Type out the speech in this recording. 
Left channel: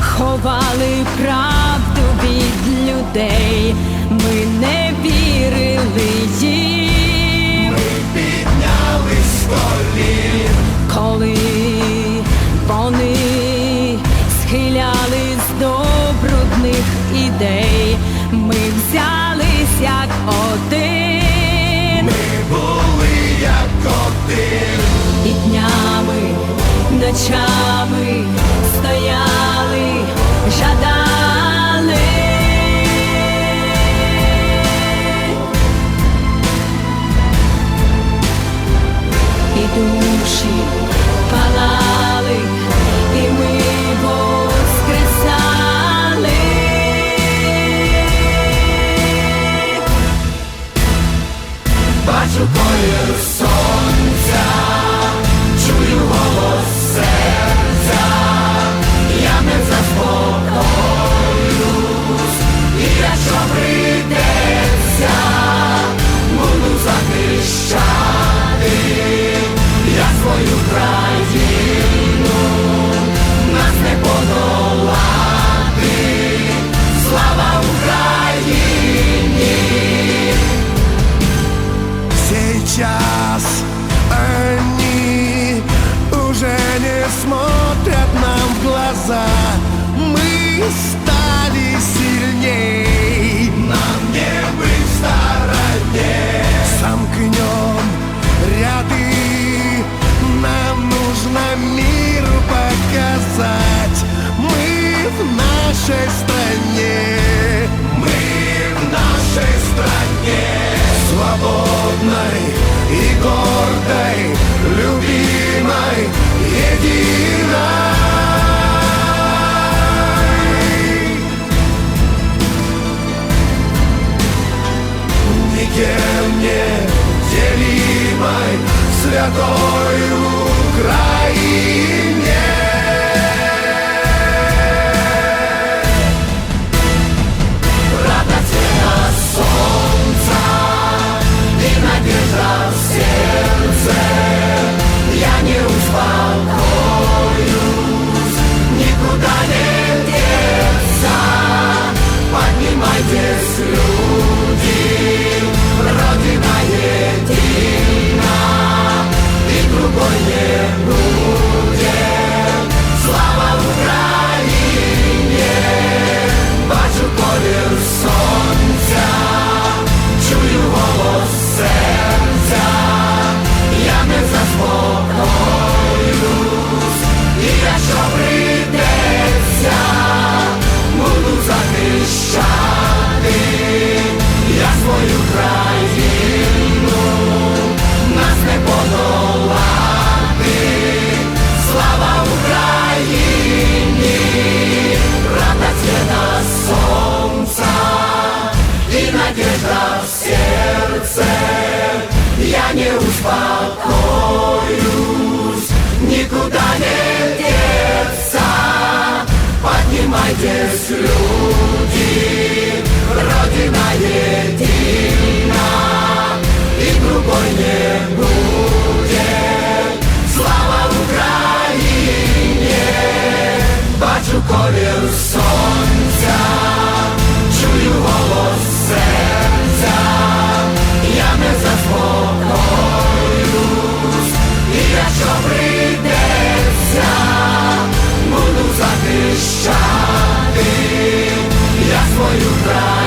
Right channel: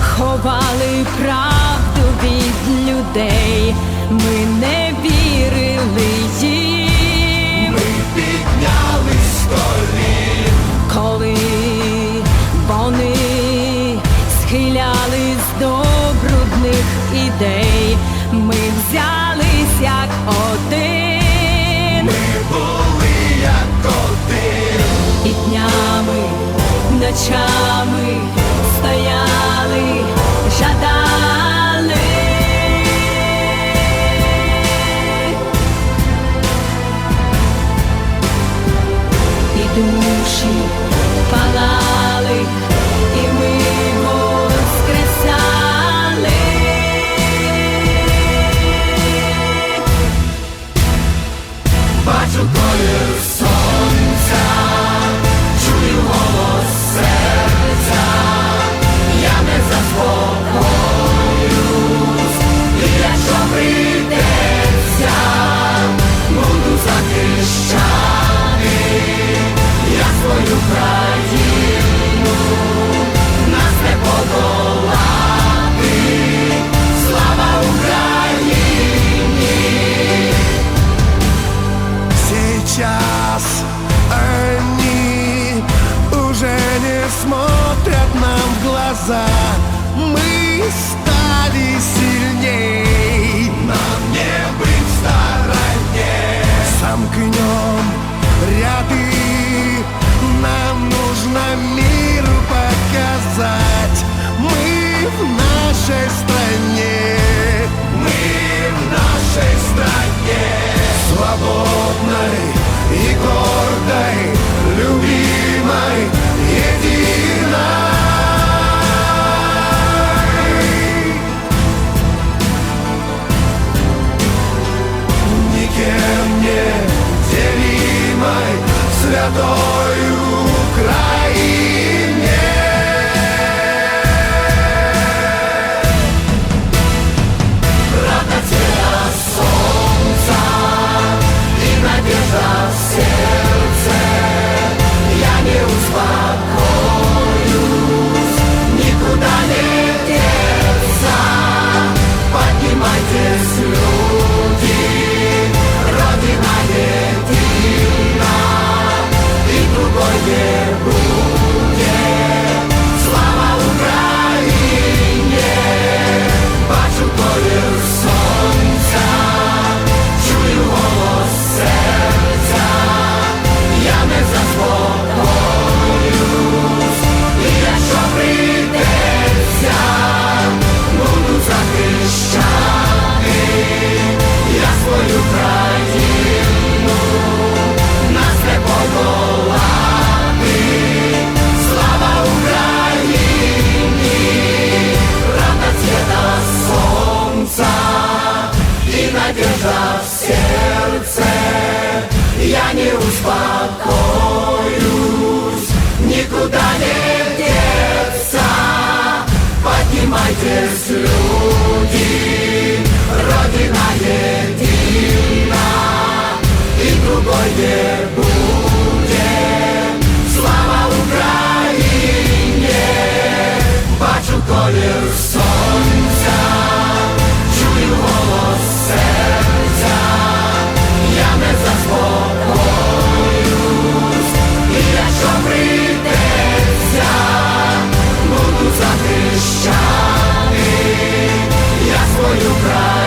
ховали правду від людей, ми не вірили їм. Піднялись з колін, коли вони схилялись до брудних ідей, ми взялись як один. Були ночами стояли, жадали. І душі палали, і ми воскресали. бачу колір сонця, Сейчас они уже не смотрят нам в глаза. Мы стали сильней. Нам не быть стороне Сомкнем ряды. Нам нужно мир показать. Мы в нашей стране. Мы в нашей стране Свободной и гордой Любимой, единой успокоюсь Никуда не деться Поднимайтесь, люди Родина едина И другой не будет в сердце. Я не успокоюсь, никуда не деться. Поднимайтесь, люди, Родина едина, и другой не будет. захищати я свою правду.